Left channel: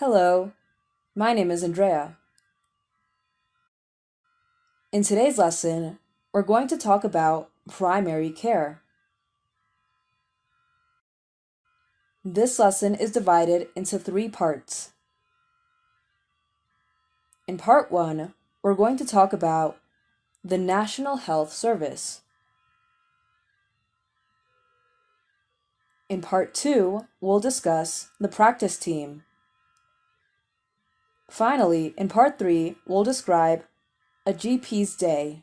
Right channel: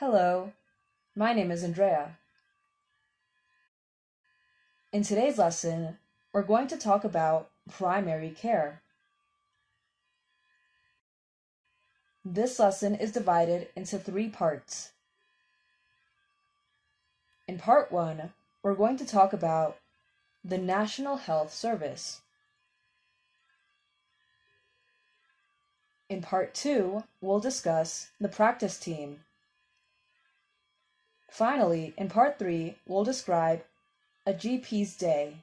Hello, my name is Andrea. In today's lesson, we're going to talk about primary care. This lesson is divided into three parts. In part one, we're going to talk about the National Health Service. In part two, we'll discuss the practice team. Finally, in part three, we'll describe a GP's day.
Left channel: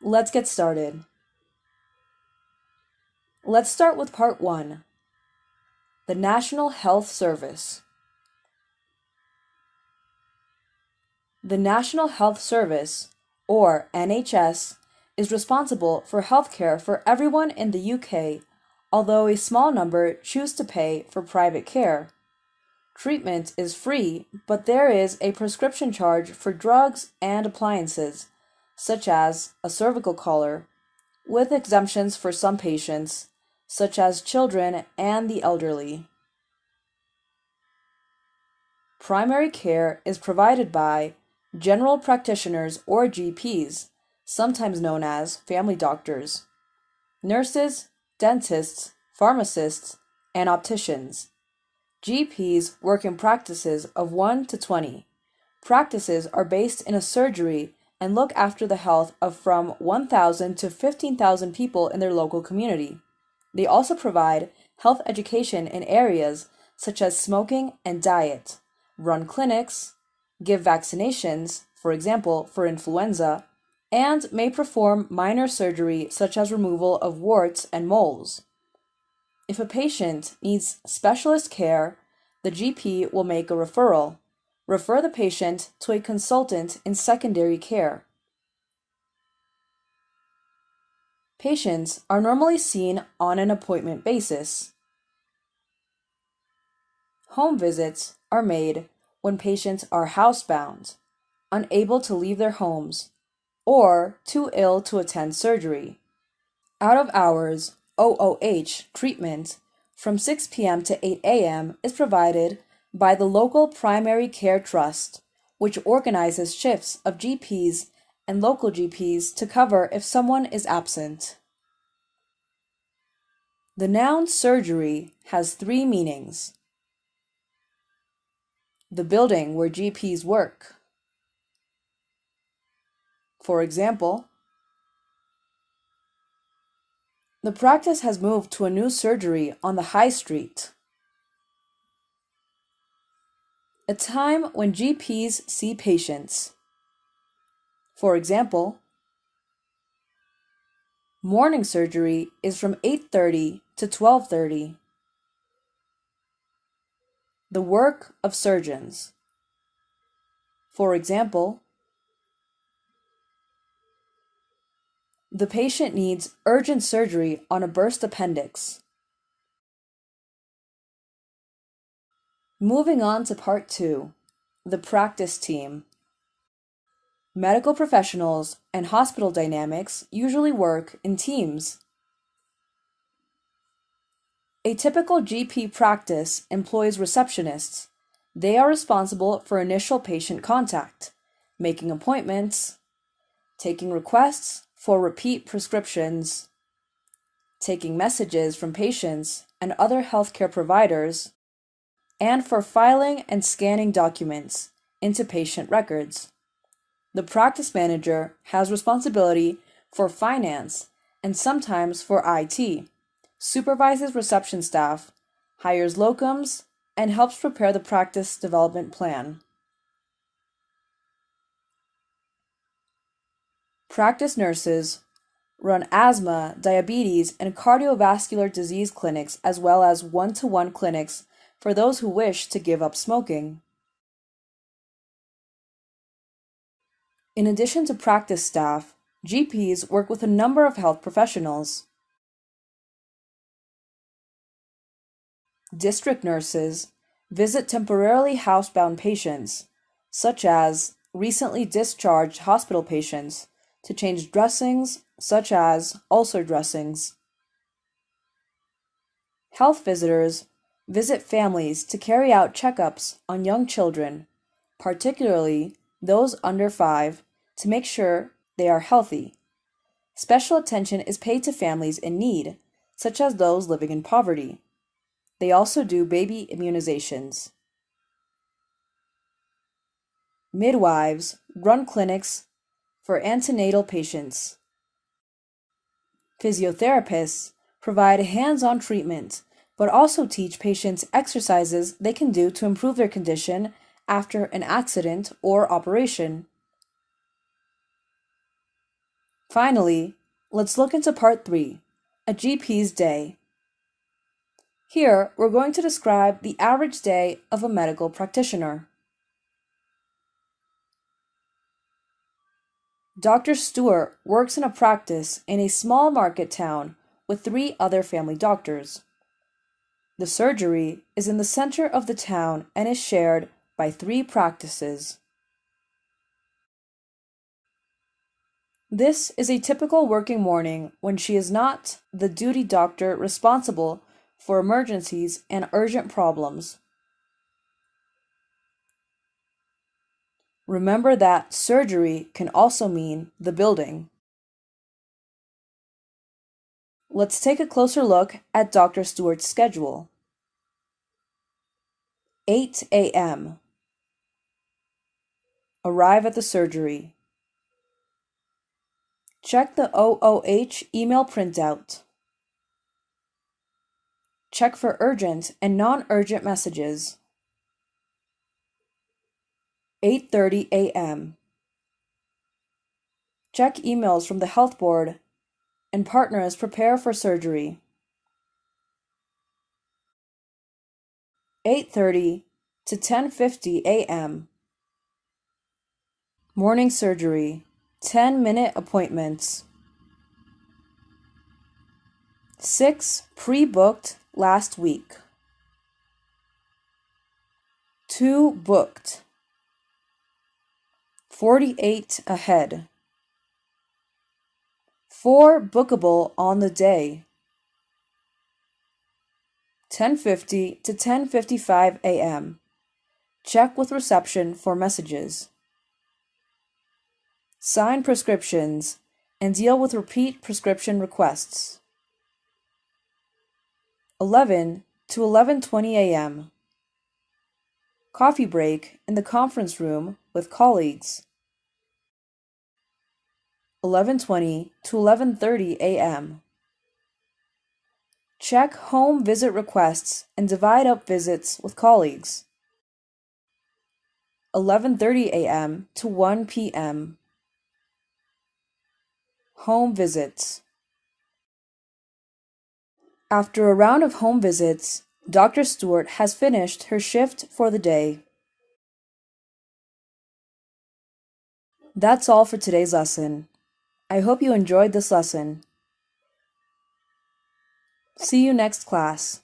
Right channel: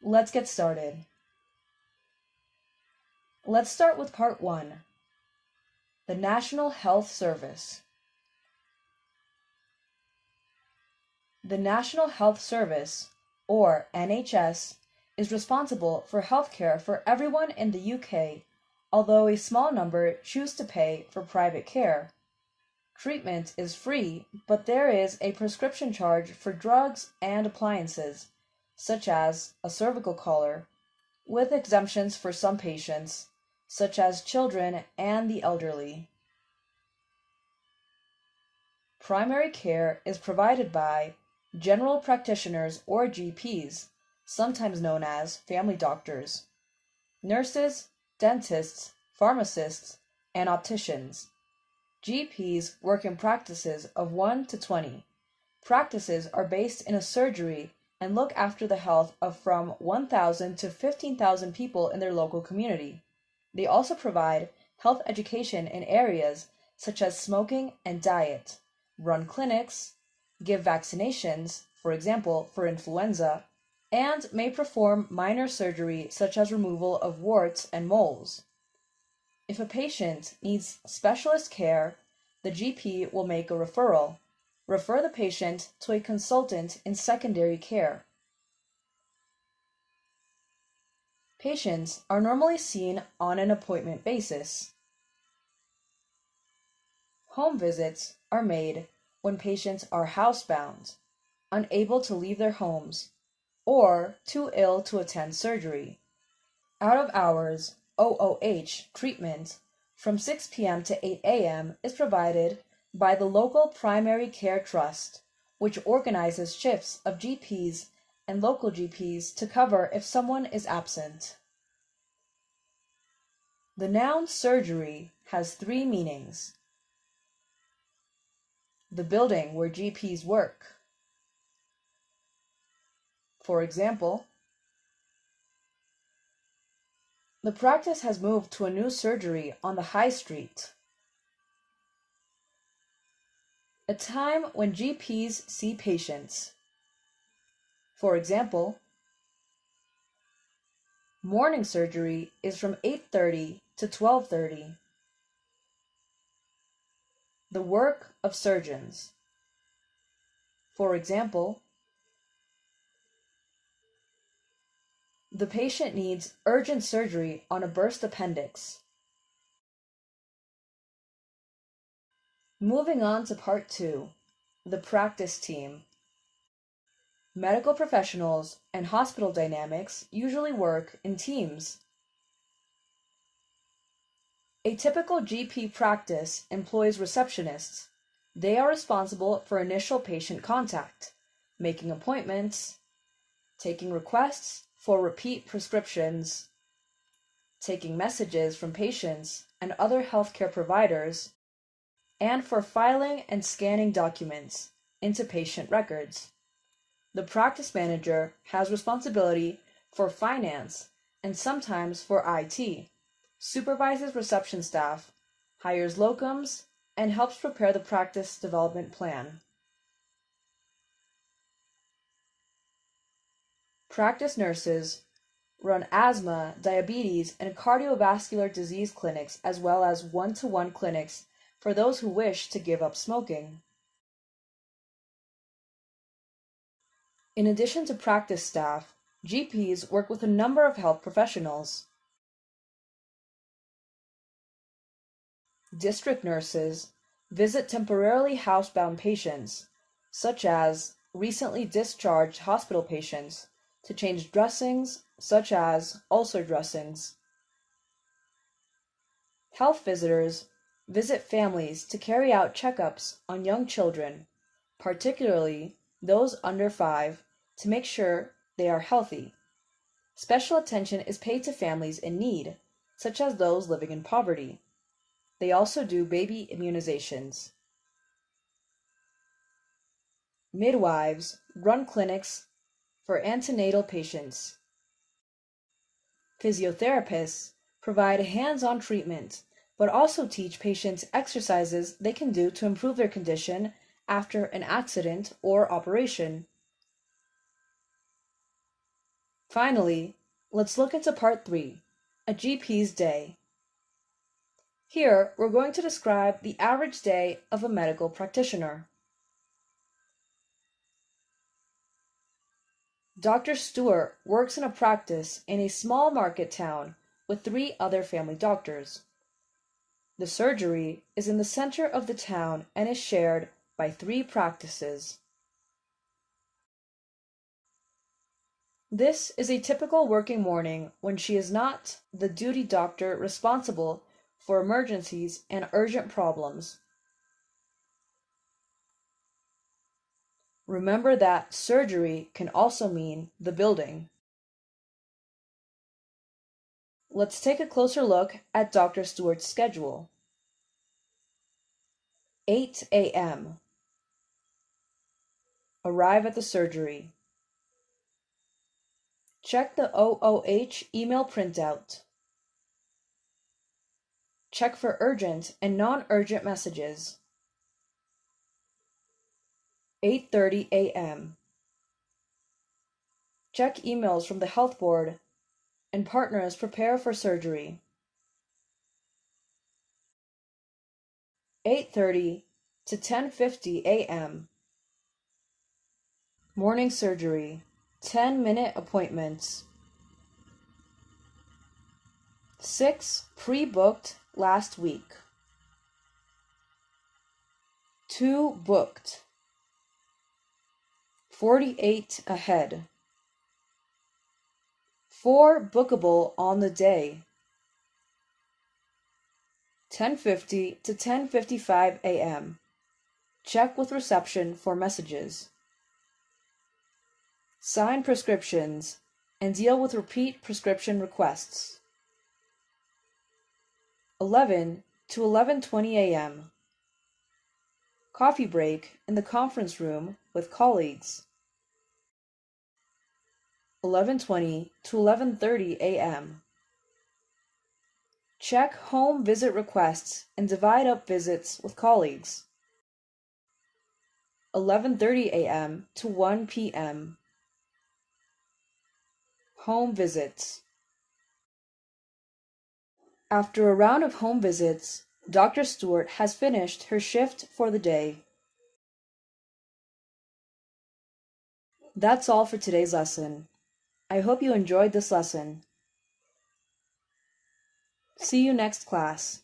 Let's get started. Let's start with part one, the National Health Service. The National Health Service, or NHS, is responsible for healthcare for everyone in the UK, although a small number choose to pay for private care. Treatment is free, but there is a prescription charge for drugs and appliances, such as a cervical collar, with exemptions for some patients, such as children and the elderly. Primary care is provided by general practitioners or GPs, sometimes known as family doctors, nurses, dentists, pharmacists, and opticians. GPs work in practices of 1 to 20. Practices are based in a surgery and look after the health of from 1,000 to 15,000 people in their local community. They also provide health education in areas such as smoking and diet, run clinics, give vaccinations, for example, for influenza, and may perform minor surgery such as removal of warts and moles. If a patient needs specialist care, the GP will make a referral. Refer the patient to a consultant in secondary care. Patients are normally seen on an appointment basis. Home visits are made when patients are housebound, unable to leave their homes, or too ill to attend surgery. Out of hours OOH treatment from 6 p.m. to 8 a.m. is provided by the local primary care trust, which organizes shifts of GPs and local GPs to cover if someone is absent. The noun surgery has three meanings: the building where GPs work. For example, the practice has moved to a new surgery on the high street. A time when GPs see patients. For example, morning surgery is from 8:30 to 12:30. The work of surgeons. For example, the patient needs urgent surgery on a burst appendix. Moving on to part two, the practice team. Medical professionals and hospital dynamics usually work in teams. A typical GP practice employs receptionists. They are responsible for initial patient contact, making appointments, taking requests for repeat prescriptions, taking messages from patients and other healthcare providers, and for filing and scanning documents into patient records. The practice manager has responsibility for finance and sometimes for IT, supervises reception staff, hires locums, and helps prepare the practice development plan. Practice nurses run asthma, diabetes, and cardiovascular disease clinics, as well as one-to-one clinics for those who wish to give up smoking. In addition to practice staff, GPs work with a number of health professionals. District nurses visit temporarily housebound patients, such as recently discharged hospital patients, to change dressings, such as ulcer dressings. Health visitors visit families to carry out checkups on young children, particularly those under 5, to make sure they are healthy. Special attention is paid to families in need, such as those living in poverty. They also do baby immunizations. Midwives run clinics for antenatal patients. Physiotherapists provide hands-on treatment, but also teach patients exercises they can do to improve their condition after an accident or operation. Finally, let's look into part 3, a GP's day. Here, we're going to describe the average day of a medical practitioner. Dr. Stewart works in a practice in a small market town with 3 other family doctors. The surgery is in the center of the town and is shared by 3 practices. This is a typical working morning when she is not the duty doctor responsible for emergencies and urgent problems. Remember that surgery can also mean the building. Let's take a closer look at Dr. Stewart's schedule. 8 a.m. Arrive at the surgery. Check the OOH email printout. Check for urgent and non-urgent messages. 8:30 a.m. Check emails from the health board and partners prepare for surgery. 8:30 to 10:50 a.m. Morning surgery, 10-minute appointments. 6 pre-booked last week. 2 booked. 48 ahead. 4 bookable on the day. 10:50 to 10:55 a.m. Check with reception for messages. Sign prescriptions and deal with repeat prescription requests. 11 to 11:20 a.m. Coffee break in the conference room with colleagues. 11:20 to 11:30 a.m. Check home visit requests and divide up visits with colleagues. 11:30 a.m. to 1 p.m. Home visits. After a round of home visits, Dr. Stewart has finished her shift for the day. That's all for today's lesson. I hope you enjoyed this lesson. See you next class.